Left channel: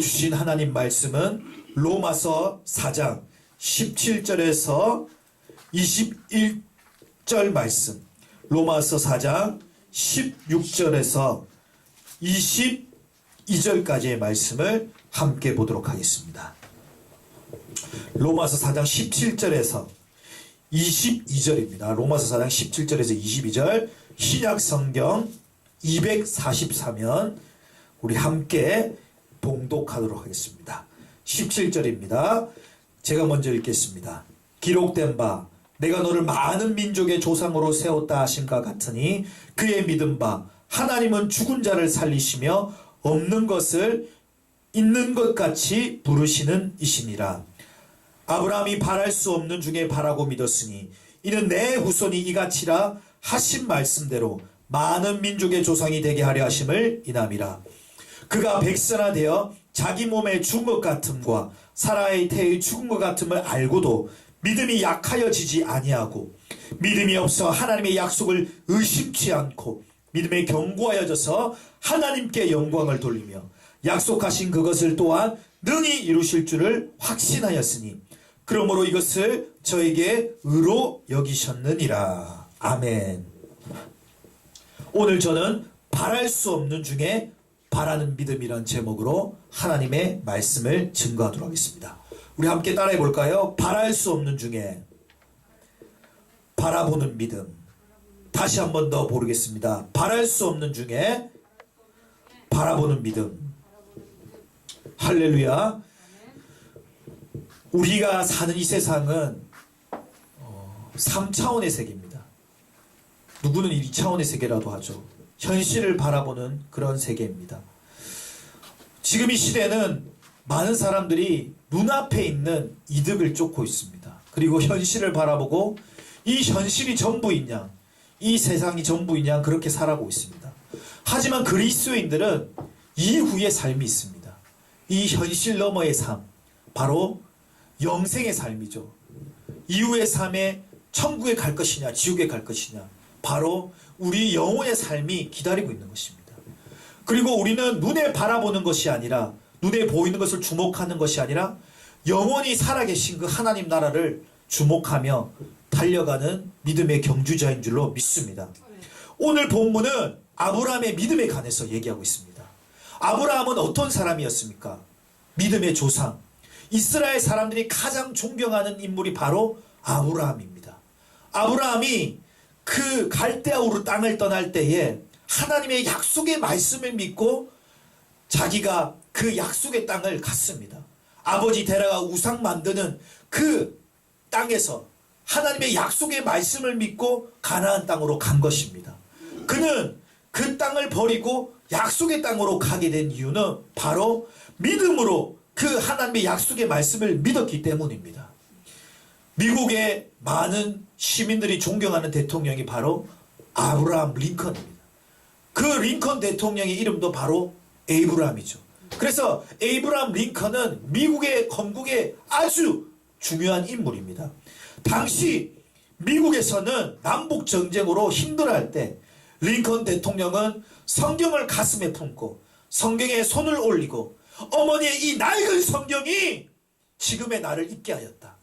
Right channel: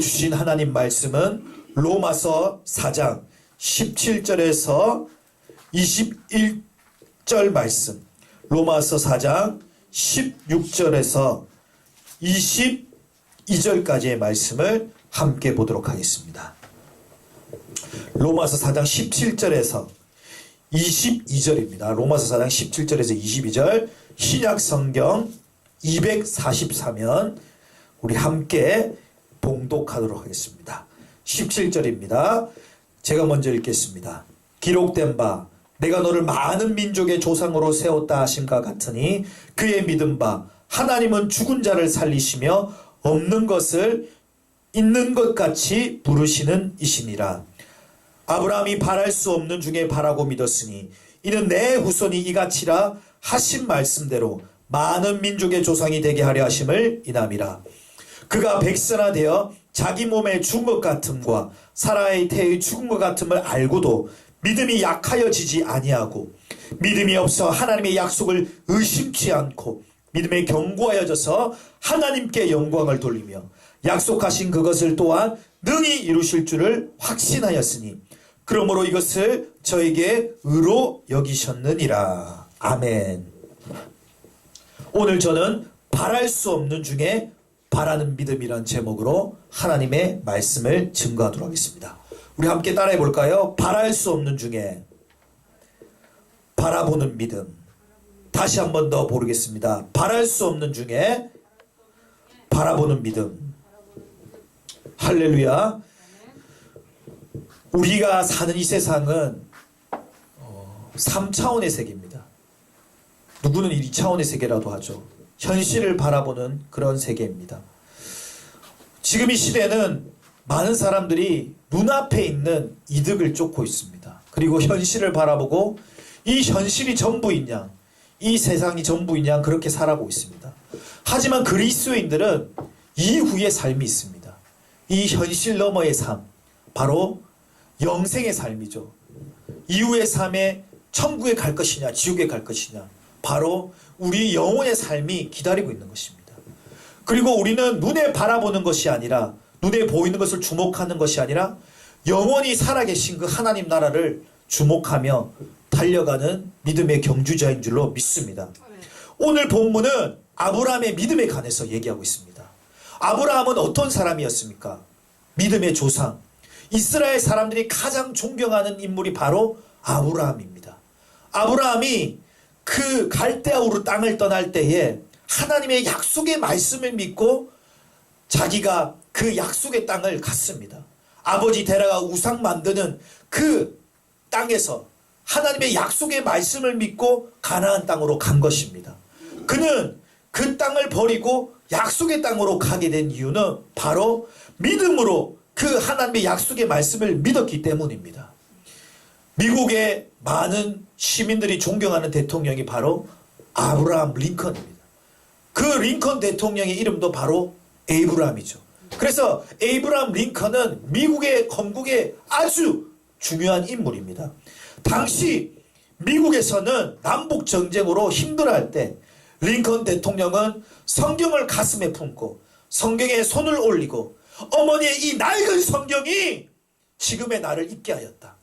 우리에게 주신 하나님 말씀은 로마서 4장 17절에서 21절 말씀, 로마서 4장 16절에서 22절까지의 말씀을 함께 보도록 하겠습니다. 로마서 4장 17절에서 22절입니다. 로마서 4장 17절에서 22절, 신약성경 244면 우리 함께 봉독하도록 하겠습니다. 17절입니다. 제가 먼저 읽겠습니다. 기록된 바 내가 너를 많은 민족의 조상으로 세웠다 하심과 같으니 그의 믿은 바 하나님은 죽은 자를 살리시며 없는 것을 있는 것 같이 부르시는 이시니라. 아브라함이 바랄 수 없는 중에 바라고 믿었으니 이는 내 후손이 이같이라 하신 말씀대로 많은 민족의 조상이 되게 하려 하심을 인함이라. 그가 백선화되어 자기 몸의 죽은 것 같음과 사라의 태의 죽은 것 같음을 알고도 믿음이 약하여지지 아니하고 믿음이 없어 하나님의 약속을 의심치 않고 믿음에 견고하여져서 하나님께 영광을 돌리며 약속하신 그것을 또한 능히 이루실 줄을 확신하였으니 그러므로 이것을 저에게 의로 여기셨느니라. 아멘. 오늘 저는 바랄 수 없는 중에 바라는 믿음이란 제목으로 하나님의 말씀을 증거하도록 하겠습니다. 우리 함께 따라해 볼까요? 바랄 수 없는 중에 바라보는 믿음. 다시 한 번 더 보겠습니다. 바랄 수 없는 중에 바라보는 믿음. 할렐루야. 우리가 사는 이 세상은 3차원의 세계입니다. 누구는 2차원의 세계라도 하죠. 현실을 바라보는 그런 세계입니다. 지금 이 시대는 많은 사람들이 눈앞에 있는 이득을 쫓고 있습니다. 그리고 현실을 바라보고 이 현실이 전부인 양, 이 세상이 전부인 양 그렇게 살아가고 있습니다. 하지만 그리스도인들은 이후의 삶이 있습니다. 이 현실 너머의 삶, 바로 영생의 삶이죠. 이후의 삶에 천국에 갈 것이냐 지옥에 갈 것이냐, 바로 우리 영혼의 삶이 기다리고 있는 것입니다. 그리고 우리는 눈에 바라보는 것이 아니라, 눈에 보이는 것을 주목하는 것이 아니라 영원히 살아계신 그 하나님 나라를 주목하며 달려가는 믿음의 경주자인 줄로 믿습니다. 오늘 본문은 아브라함의 믿음에 관해서 얘기하고 있습니다. 아브라함은 어떤 사람이었습니까? 믿음의 조상. 이스라엘 사람들이 가장 존경하는 인물이 바로 아브라함입니다. 아브라함이 그 갈대아우르 땅을 떠날 때에 하나님의 약속의 말씀을 믿고 자기가 그 약속의 땅을 갔습니다. 아버지 데라가 우상 만드는 그 땅에서 하나님의 약속의 말씀을 믿고 가나안 땅으로 간 것입니다. 그는 그 땅을 버리고 약속의 땅으로 가게 된 이유는 바로 믿음으로 그 하나님의 약속의 말씀을 믿었기 때문입니다. 미국의 많은 시민들이 존경하는 대통령이 바로 아브라함 링컨입니다. 그 링컨 대통령의 이름도 바로 에이브라함이죠. 그래서 에이브라함 링컨은 미국의 건국에 아주 중요한 인물입니다. 당시 미국에서는 남북 전쟁으로 힘들어할 때 링컨 대통령은 성경을 가슴에 품고 성경에 손을 올리고 어머니의 이 낡은 성경이 지금의 나를 있게 하였다.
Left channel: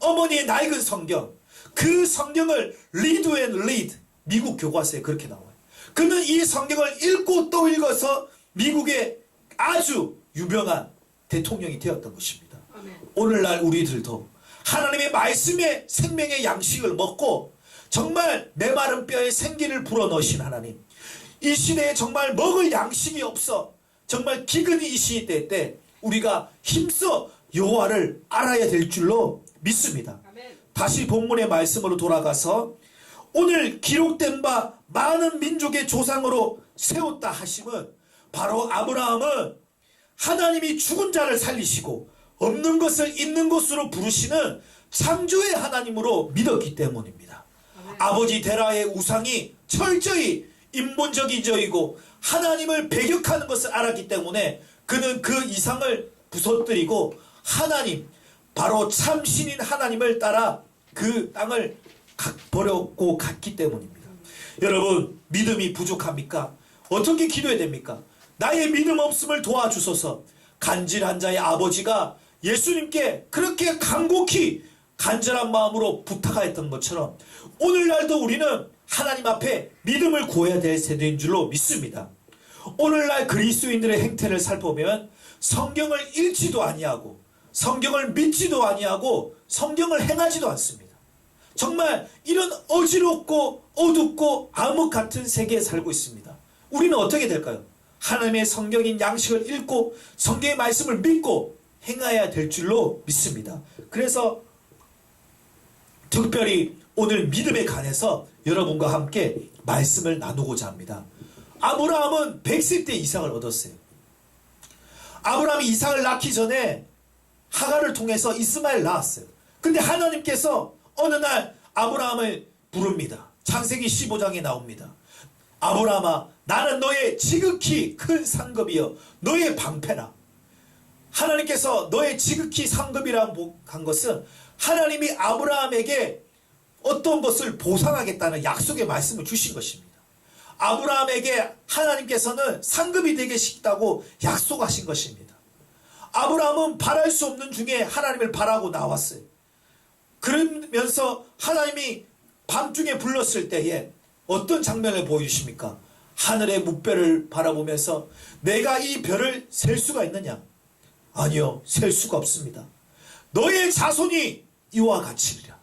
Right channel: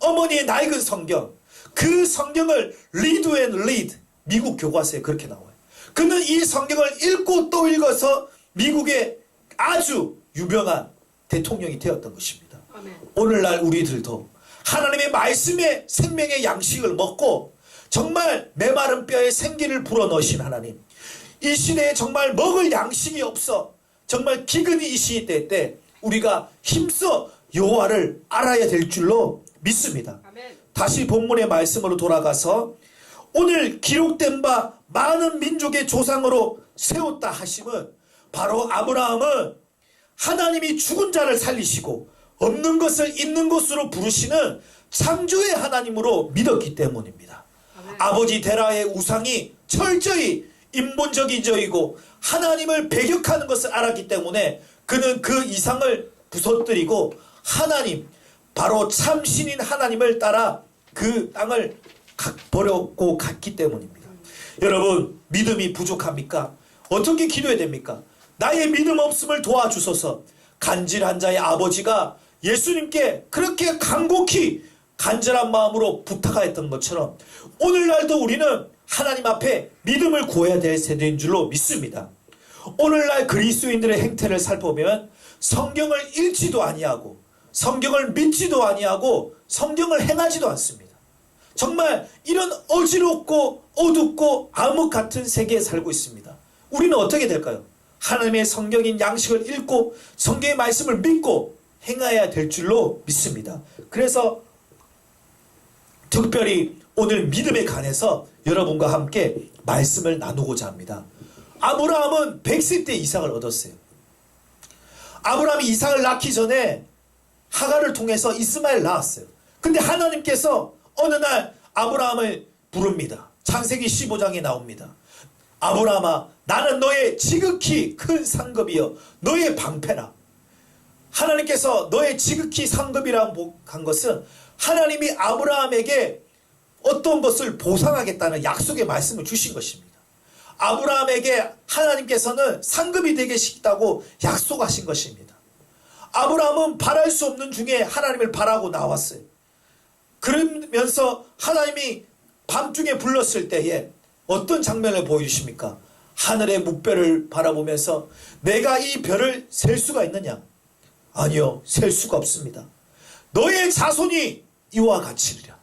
어머니의 낡은 성경, 그 성경을 리드 앤 리드, 미국 교과서에 그렇게 나와요. 그는 이 성경을 읽고 또 읽어서 미국의 아주 유명한 대통령이 되었던 것입니다. 아멘. 오늘날 우리들도 하나님의 말씀의 생명의 양식을 먹고 정말 메마른 뼈에 생기를 불어넣으신 하나님, 이 시대에 정말 먹을 양식이 없어 정말 기근이 이 시대 때 우리가 힘써 여호와를 알아야 될 줄로 믿습니다. 아멘. 다시 본문의 말씀으로 돌아가서 오늘 기록된 바 많은 민족의 조상으로 세웠다 하심은 바로 아브라함은 하나님이 죽은 자를 살리시고 없는 것을 있는 것으로 부르시는 창조의 하나님으로 믿었기 때문입니다. 아멘. 아버지 데라의 우상이 철저히 인본적이고 하나님을 배격하는 것을 알았기 때문에 그는 그 이상을 부서뜨리고 하나님, 바로 참신인 하나님을 따라 그 땅을 버렸고 갔기 때문입니다. 여러분, 믿음이 부족합니까? 어떻게 기도해야 됩니까? 나의 믿음 없음을 도와주소서. 간질한 자의 아버지가 예수님께 그렇게 간곡히 간절한 마음으로 부탁하였던 것처럼 오늘날도 우리는 하나님 앞에 믿음을 구해야 될 세대인 줄로 믿습니다. 오늘날 그리스도인들의 행태를 살펴보면 성경을 읽지도 아니하고 성경을 믿지도 아니하고 성경을 행하지도 않습니다. 정말 이런 어지럽고 어둡고 암흑 같은 세계에 살고 있습니다. 우리는 어떻게 될까요? 하나님의 성경인 양식을 읽고 성경의 말씀을 믿고 행해야 될 줄로 믿습니다. 그래서 특별히 오늘 믿음에 관해서 여러분과 함께 말씀을 나누고자 합니다. 아브라함은 100세 때 이삭을 얻었어요. 아브라함이 이삭을 낳기 전에 하갈을 통해서 이스마엘을 낳았어요. 근데 하나님께서 어느 날 아브라함을 부릅니다. 창세기 15장에 나옵니다. 아브라함아, 나는 너의 지극히 큰 상급이여 너의 방패라. 하나님께서 너의 지극히 상급이라고 한 것은 하나님이 아브라함에게 어떤 것을 보상하겠다는 약속의 말씀을 주신 것입니다. 아브라함에게 하나님께서는 상급이 되게 싶다고 약속하신 것입니다. 아브라함은 바랄 수 없는 중에 하나님을 바라고 나왔어요. 그러면서 하나님이 밤중에 불렀을 때에 어떤 장면을 보여주십니까? 하늘의 묵별을 바라보면서 내가 이 별을 셀 수가 있느냐? 아니요, 셀 수가 없습니다. 너의 자손이 이와 같이리라.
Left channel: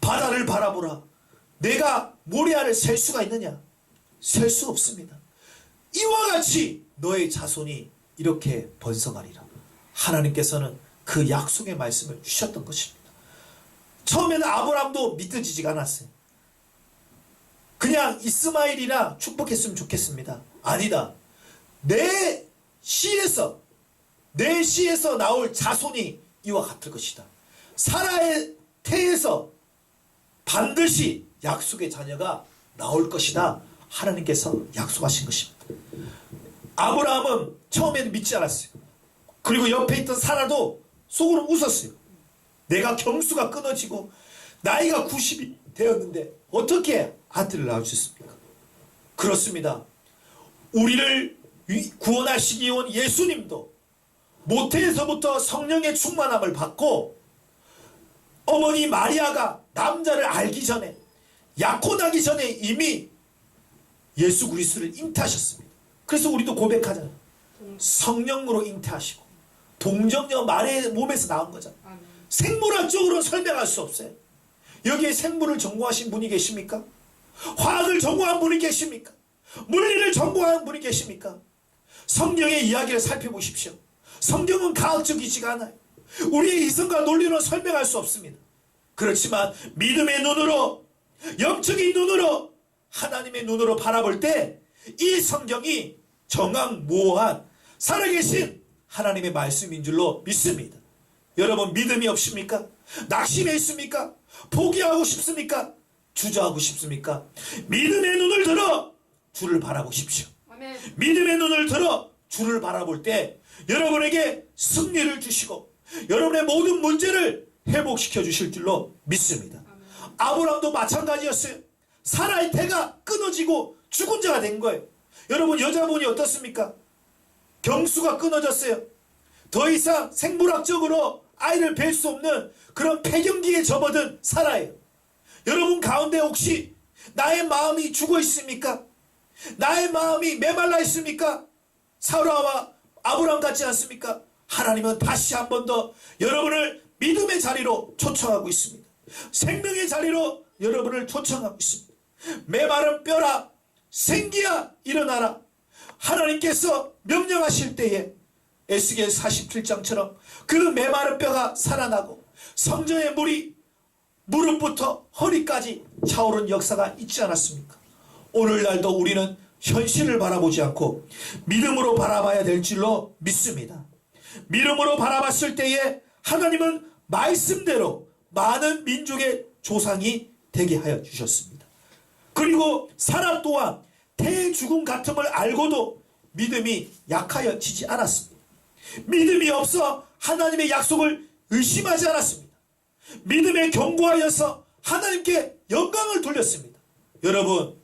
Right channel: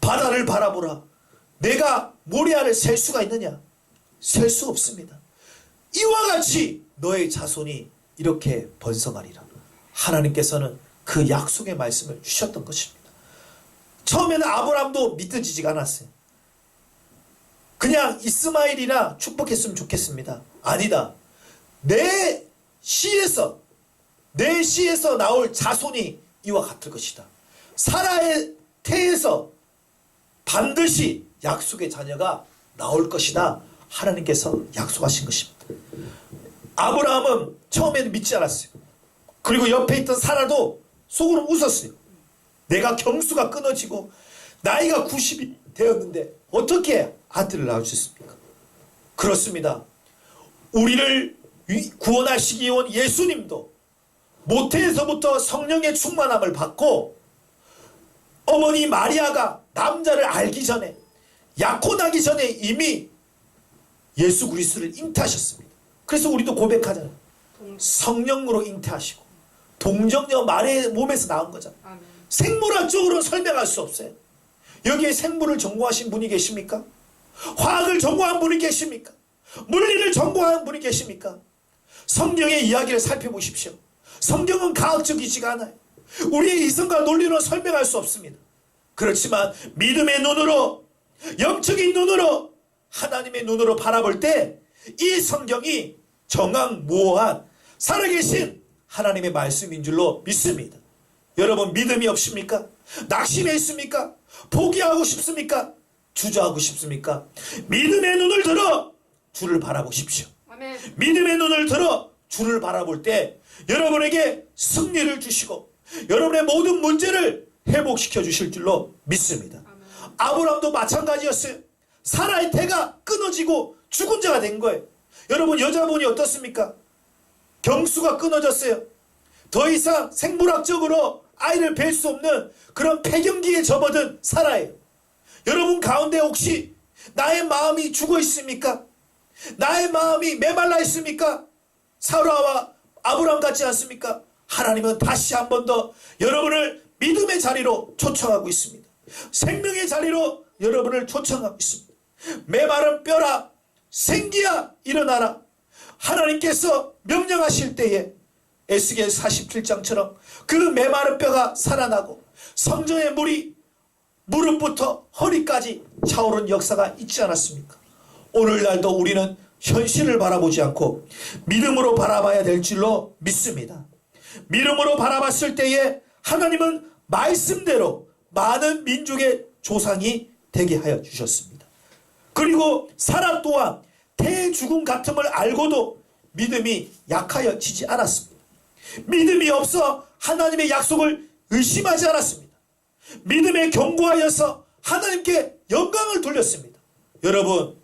바다를 바라보라. 내가 모래알을 셀 수가 있느냐? 셀 수 없습니다. 이와 같이 너의 자손이 이렇게 번성하리라. 하나님께서는 그 약속의 말씀을 주셨던 것입니다. 처음에는 아브라함도 믿어지지가 않았어요. 그냥 이스마엘이나 축복했으면 좋겠습니다. 아니다. 내 씨에서 나올 자손이 이와 같을 것이다. 사라의 태에서 반드시 약속의 자녀가 나올 것이다. 하나님께서 약속하신 것입니다. 아브라함은 처음에는 믿지 않았어요. 그리고 옆에 있던 사라도 속으로 웃었어요. 내가 경수가 끊어지고 나이가 90이 되었는데 어떻게 아들을 낳을 수 있습니까? 그렇습니다. 우리를 구원하시기 온 예수님도 모태에서부터 성령의 충만함을 받고 어머니 마리아가 남자를 알기 전에 약혼하기 전에 이미 예수 그리스도를 잉태하셨습니다. 그래서 우리도 고백하잖아요. 성령으로 잉태하시고 동정녀 마리아의 몸에서 나온 거잖아요. 생물학적으로는 설명할 수 없어요. 여기에 생물을 전공하신 분이 계십니까? 화학을 전공한 분이 계십니까? 물리를 전공한 분이 계십니까? 성경의 이야기를 살펴보십시오. 성경은 과학적이지가 않아요. 우리의 이성과 논리로 설명할 수 없습니다. 그렇지만 믿음의 눈으로, 영적인 눈으로, 하나님의 눈으로 바라볼 때 이 성경이 정확무오한 살아계신 하나님의 말씀인 줄로 믿습니다. 여러분 믿음이 없습니까? 낙심해 있습니까? 포기하고 싶습니까? 주저하고 싶습니까? 믿음의 눈을 들어 주를 바라보십시오. 아멘. 믿음의 눈을 들어 주를 바라볼 때 여러분에게 승리를 주시고 여러분의 모든 문제를 회복시켜 주실 줄로 믿습니다. 아멘. 아브라함도 마찬가지였어요. 사라의 태가 끊어지고 죽은 자가 된 거예요. 여러분 여자분이 어떻습니까? 경수가 끊어졌어요. 더 이상 생물학적으로 아이를 뵐 수 없는 그런 폐경기에 접어든 사라예요. 여러분 가운데 혹시 나의 마음이 죽어 있습니까? 나의 마음이 메말라 있습니까? 사라와 아브라함 같지 않습니까? 하나님은 다시 한 번 더 여러분을 믿음의 자리로 초청하고 있습니다. 생명의 자리로 여러분을 초청하고 있습니다. 메마른 뼈라 생기야 일어나라. 하나님께서 명령하실 때에 에스겔 47장처럼 그 메마른 뼈가 살아나고 성전의 물이 무릎부터 허리까지 차오른 역사가 있지 않았습니까? 오늘날도 우리는 현실을 바라보지 않고 믿음으로 바라봐야 될 줄로 믿습니다. 믿음으로 바라봤을 때에 하나님은 말씀대로 많은 민족의 조상이 되게 하여 주셨습니다. 그리고 사라 또한 태의 죽음 같음을 알고도 믿음이 약하여지지 않았습니다. 믿음이 없어 하나님의 약속을 의심하지 않았습니다. 믿음에 견고하여서 하나님께 영광을 돌렸습니다. 여러분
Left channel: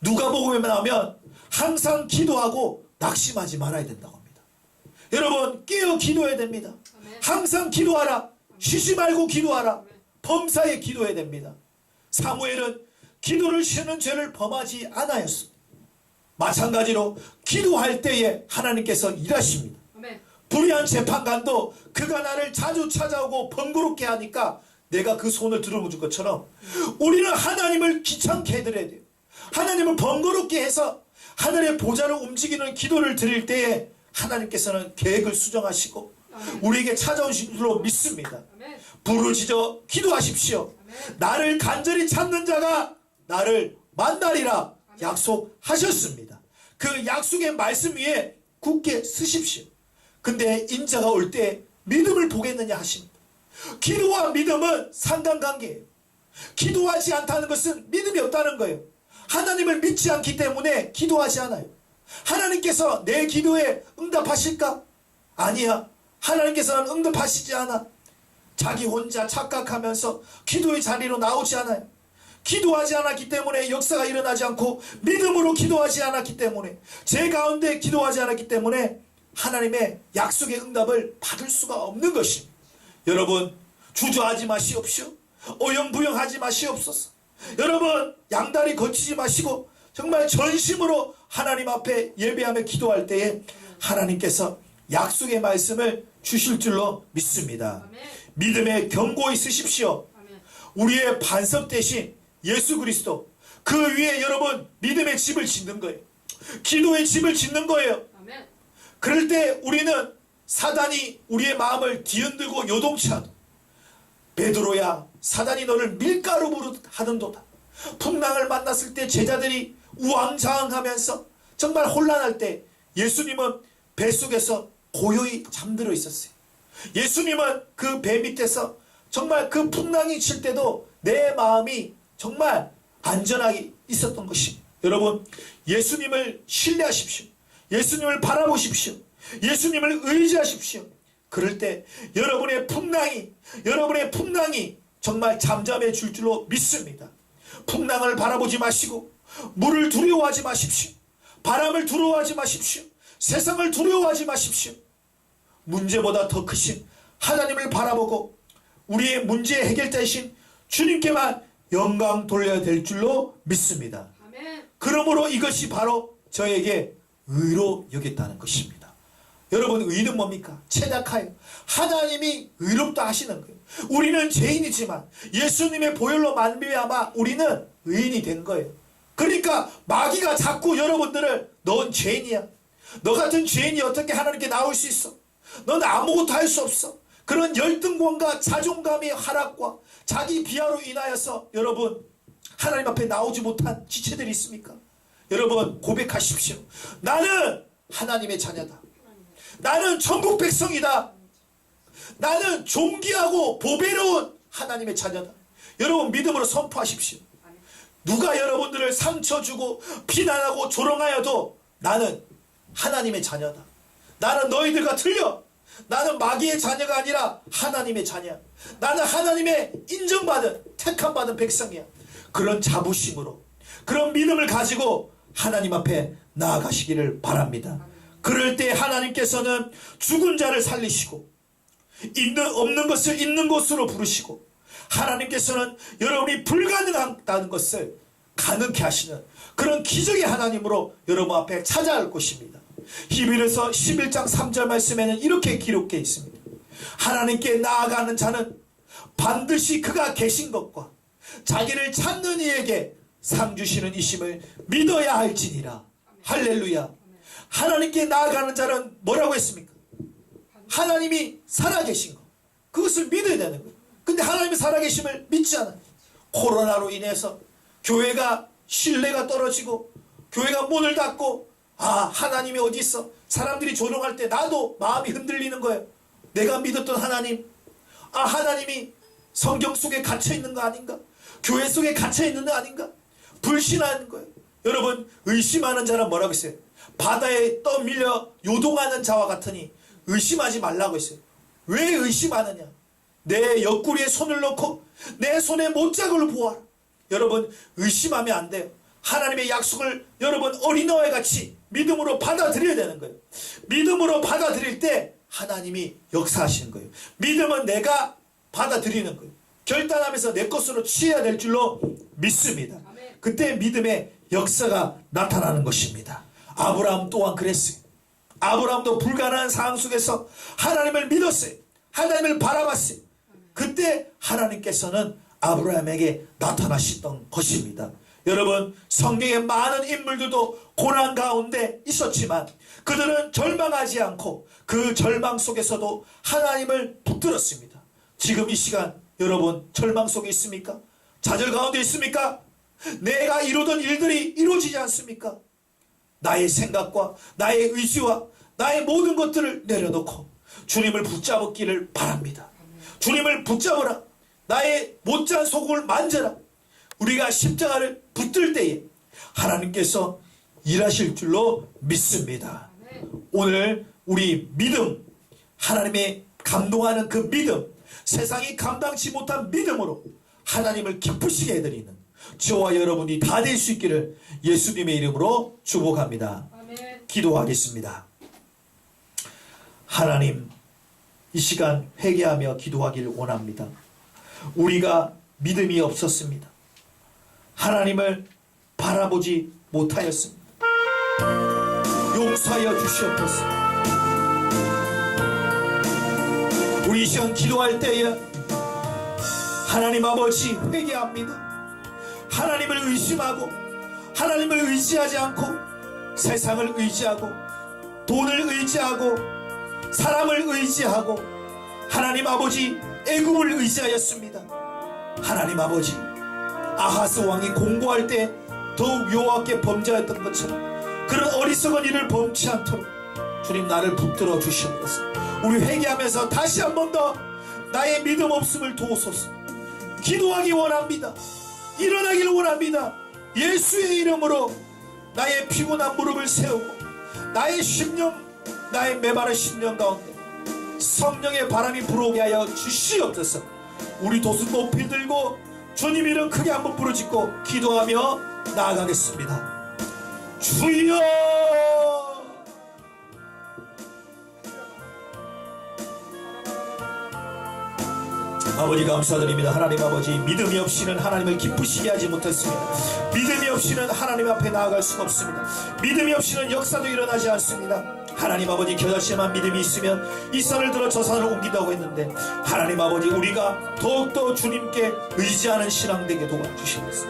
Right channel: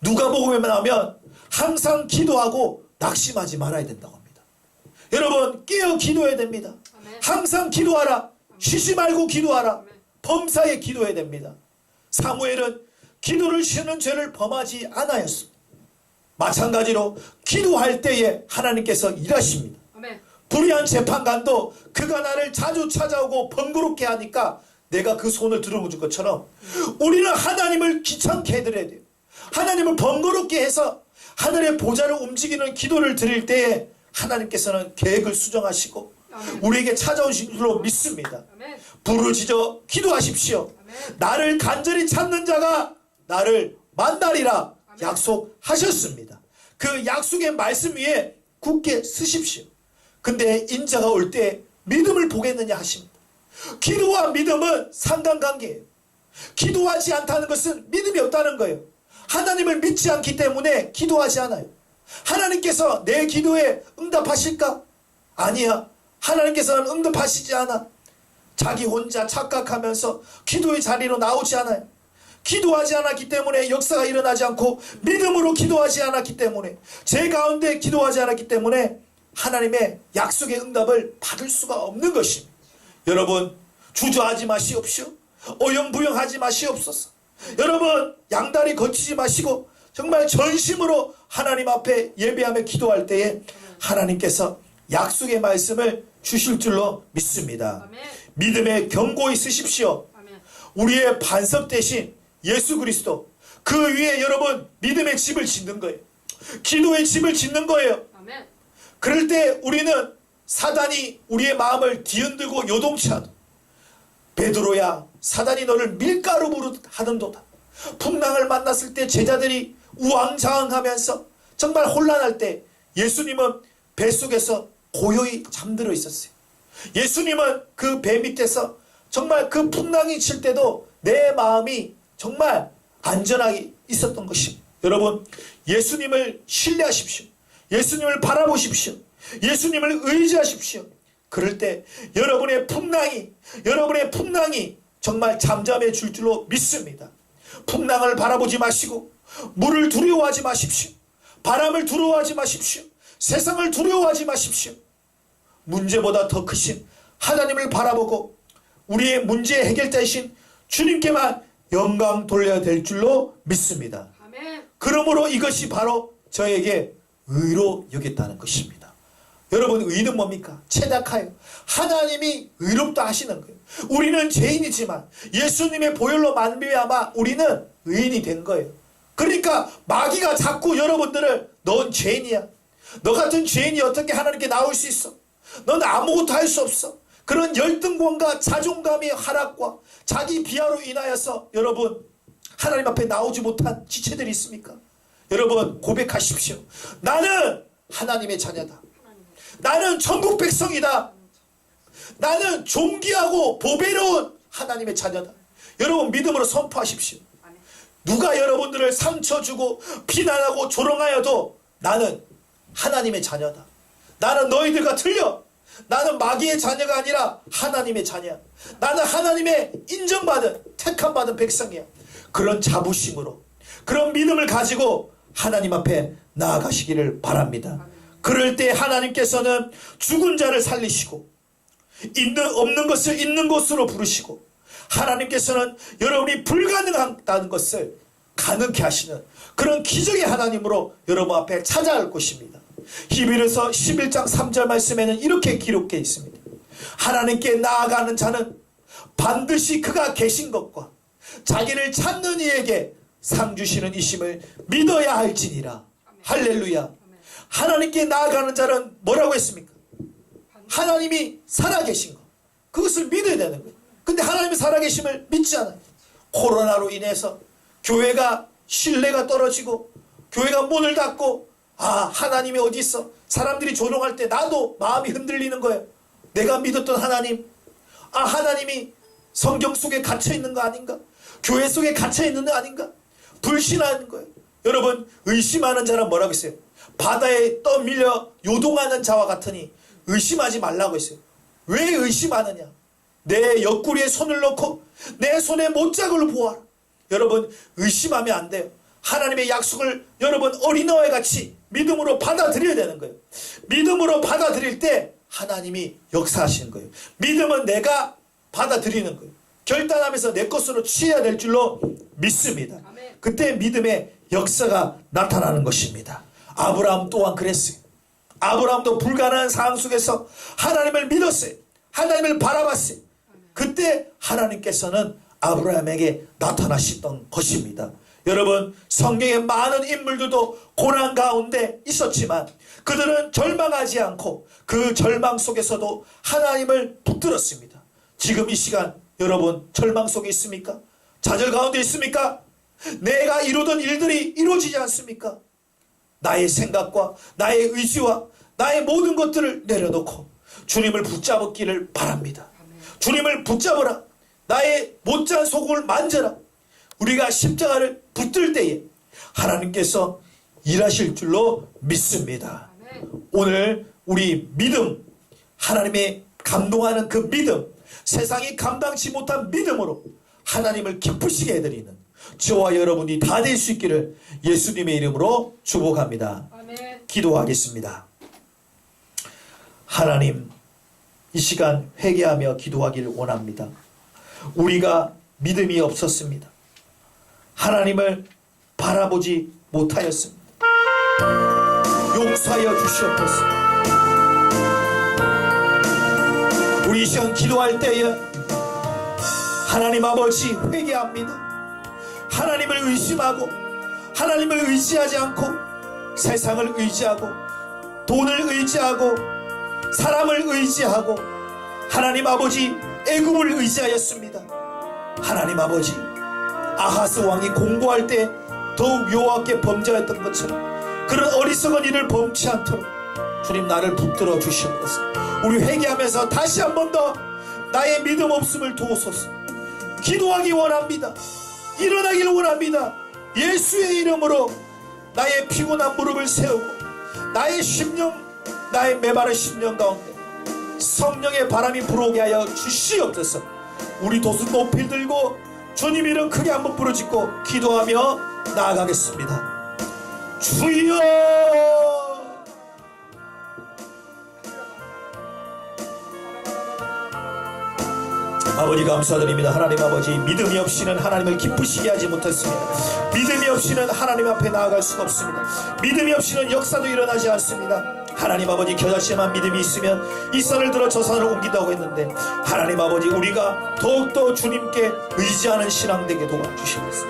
누가복음에 나오면 항상 기도하고 낙심하지 말아야 된다고 합니다. 여러분 깨어 기도해야 됩니다. 아멘. 항상 기도하라. 쉬지 말고 기도하라. 아멘. 범사에 기도해야 됩니다. 사무엘은 기도를 쉬는 죄를 범하지 않았습니다. 마찬가지로 기도할 때에 하나님께서 일하십니다. 아멘. 불의한 재판관도 그가 나를 자주 찾아오고 번거롭게 하니까 내가 그 손을 들어줄 것처럼 우리는 하나님을 귀찮게 해드려야 돼요. 하나님을 번거롭게 해서 하늘의 보좌를 움직이는 기도를 드릴 때에 하나님께서는 계획을 수정하시고 아멘. 우리에게 찾아오신 줄로 믿습니다. 아멘. 부르짖어 기도하십시오. 아멘. 나를 간절히 찾는 자가 나를 만나리라 약속하셨습니다. 그 약속의 말씀 위에 굳게 서십시오. 근데 인자가 올 때 믿음을 보겠느냐 하십니다. 기도와 믿음은 상관관계예요. 기도하지 않다는 것은 믿음이 없다는 거예요. 하나님을 믿지 않기 때문에 기도하지 않아요. 하나님께서 내 기도에 응답하실까? 아니야. 하나님께서는 응답하시지 않아. 자기 혼자 착각하면서 기도의 자리로 나오지 않아요. 기도하지 않았기 때문에 역사가 일어나지 않고 믿음으로 기도하지 않았기 때문에 제 가운데 기도하지 않았기 때문에 하나님의 약속의 응답을 받을 수가 없는 것입니다. 여러분 주저하지 마시옵시오. 오영부영하지 마시옵소서. 여러분 양다리 거치지 마시고 정말 전심으로 하나님 앞에 예배하며 기도할 때에 하나님께서 약속의 말씀을 주실 줄로 믿습니다. 아멘. 믿음에 견고히 서십시오. 아멘. 우리의 반석 대신 예수 그리스도 그 위에 여러분 믿음의 집을 짓는 거예요. 기도의 집을 짓는 거예요. 아멘. 그럴 때 우리는 사단이 우리의 마음을 뒤흔들고 요동치 않아. 베드로야 사단이 너를 밀가루 하는도다. 풍랑을 만났을 때 제자들이 우왕좌왕하면서 정말 혼란할 때 예수님은 뱃속에서 고요히 잠들어 있었어요. 예수님은 그 배 밑에서 정말 그 풍랑이 칠 때도 내 마음이 정말 안전하게 있었던 것입니다. 여러분 예수님을 신뢰하십시오. 예수님을 바라보십시오. 예수님을 의지하십시오. 그럴 때 여러분의 풍랑이 정말 잠잠해 줄 줄로 믿습니다. 풍랑을 바라보지 마시고 물을 두려워하지 마십시오. 바람을 두려워하지 마십시오. 세상을 두려워하지 마십시오. 문제보다 더 크신 하나님을 바라보고 우리의 문제의 해결자이신 주님께만 영광 돌려야 될 줄로 믿습니다. 아멘. 그러므로 이것이 바로 저에게 의로 여겼다는 것입니다. 여러분 의는 뭡니까? 체다카요. 하나님이 의롭다 하시는 거예요. 우리는 죄인이지만 예수님의 보혈로 말미암아 우리는 의인이 된 거예요. 그러니까 마귀가 자꾸 여러분들을 넌 죄인이야. 너 같은 죄인이 어떻게 하나님께 나올 수 있어? 넌 아무것도 할 수 없어. 그런 열등감과 자존감의 하락과 자기 비하로 인하여서 여러분 하나님 앞에 나오지 못한 지체들이 있습니까? 여러분 고백하십시오. 나는 하나님의 자녀다. 나는 천국 백성이다. 나는 존귀하고 보배로운 하나님의 자녀다. 여러분 믿음으로 선포하십시오. 누가 여러분들을 상처 주고 비난하고 조롱하여도 나는 하나님의 자녀다. 나는 너희들과 틀려. 나는 마귀의 자녀가 아니라 하나님의 자녀야. 나는 하나님의 인정받은 택함받은 백성이야. 그런 자부심으로 그런 믿음을 가지고 하나님 앞에 나아가시기를 바랍니다. 그럴 때 하나님께서는 죽은 자를 살리시고 없는 것을 있는 것으로 부르시고 하나님께서는 여러분이 불가능하다는 것을 가능케 하시는 그런 기적의 하나님으로 여러분 앞에 찾아갈 것입니다. 히브리서 11장 3절 말씀에는 이렇게 기록되어 있습니다. 하나님께 나아가는 자는 반드시 그가 계신 것과 자기를 찾는 이에게 상 주시는 이심을 믿어야 할지니라. 할렐루야. 하나님께 나아가는 자는 뭐라고 했습니까? 하나님이 살아계신 것. 그것을 믿어야 되는 거예요. 근데 하나님이 살아계심을 믿지 않아요. 코로나로 인해서 교회가 신뢰가 떨어지고 교회가 문을 닫고 하나님이 어디 있어? 사람들이 조롱할 때 나도 마음이 흔들리는 거예요. 내가 믿었던 하나님, 하나님이 성경 속에 갇혀 있는 거 아닌가? 교회 속에 갇혀 있는 거 아닌가? 불신하는 거예요. 여러분 의심하는 자는 뭐라고 했어요? 바다에 떠밀려 요동하는 자와 같으니 의심하지 말라고 했어요. 왜 의심하느냐? 내 옆구리에 손을 넣고 내 손에 못자국을 보아라. 여러분 의심하면 안 돼요. 하나님의 약속을 여러분 어린아이 같이 믿음으로 받아들여야 되는 거예요. 믿음으로 받아들일 때 하나님이 역사하시는 거예요. 믿음은 내가 받아들이는 거예요. 결단하면서 내 것으로 취해야 될 줄로 믿습니다. 그때 믿음의 역사가 나타나는 것입니다. 아브라함 또한 그랬어요. 아브라함도 불가능한 상황 속에서 하나님을 믿었어요. 하나님을 바라봤어요. 그때 하나님께서는 아브라함에게 나타나셨던 것입니다. 여러분, 성경의 많은 인물들도 고난 가운데 있었지만 그들은 절망하지 않고 그 절망 속에서도 하나님을 붙들었습니다. 지금 이 시간 여러분 절망 속에 있습니까? 좌절 가운데 있습니까? 내가 이루던 일들이 이루어지지 않습니까? 나의 생각과 나의 의지와 나의 모든 것들을 내려놓고 주님을 붙잡기를 바랍니다. 주님을 붙잡으라. 나의 못지않은 소굴을 만져라. 우리가 십자가를 붙들 때에 하나님께서 일하실 줄로 믿습니다. 오늘 우리 믿음, 하나님의 감동하는 그 믿음, 세상이 감당치 못한 믿음으로 하나님을 기쁘시게 해드리는 저와 여러분이 다 될 수 있기를 예수님의 이름으로 축복합니다. 기도하겠습니다. 하나님, 이 시간 회개하며 기도하기를 원합니다. 우리가 믿음이 없었습니다. 하나님을 바라보지 못하였습니다. 용서하여 주시옵소서. 우리 이 시간 기도할 때에 하나님 아버지 회개합니다. 하나님을 의심하고 하나님을 의지하지 않고 세상을 의지하고 돈을 의지하고 사람을 의지하고 하나님 아버지 애굽을 의지하였습니다. 하나님 아버지, 아하스 왕이 공고할 때 더욱 여호와께 범죄하였던 것처럼 그런 어리석은 일을 범치 않도록 주님 나를 붙들어 주시옵소서. 우리 회개하면서 다시 한 번 더 나의 믿음 없음을 도우소서. 기도하기 원합니다. 일어나기를 원합니다. 예수의 이름으로 나의 피곤한 무릎을 세우고 나의 심령, 나의 메마른 심령 가운데 성령의 바람이 불어오게 하여 주시옵소서. 우리 두 손 높이 들고 주님 이름 크게 한번 부르짖고 기도하며 나아가겠습니다. 주여, 아버지 감사드립니다. 하나님 아버지, 믿음이 없이는 하나님을 기쁘시게 하지 못했습니다. 믿음이 없이는 하나님 앞에 나아갈 수가 없습니다. 믿음이 없이는 역사도 일어나지 않습니다. 하나님 아버지, 겨자씨만 믿음이 있으면 이 산을 들어 저 산을 옮긴다고 했는데 하나님 아버지, 우리가 더욱더 주님께 의지하는 신앙 되게 도와주시옵소서.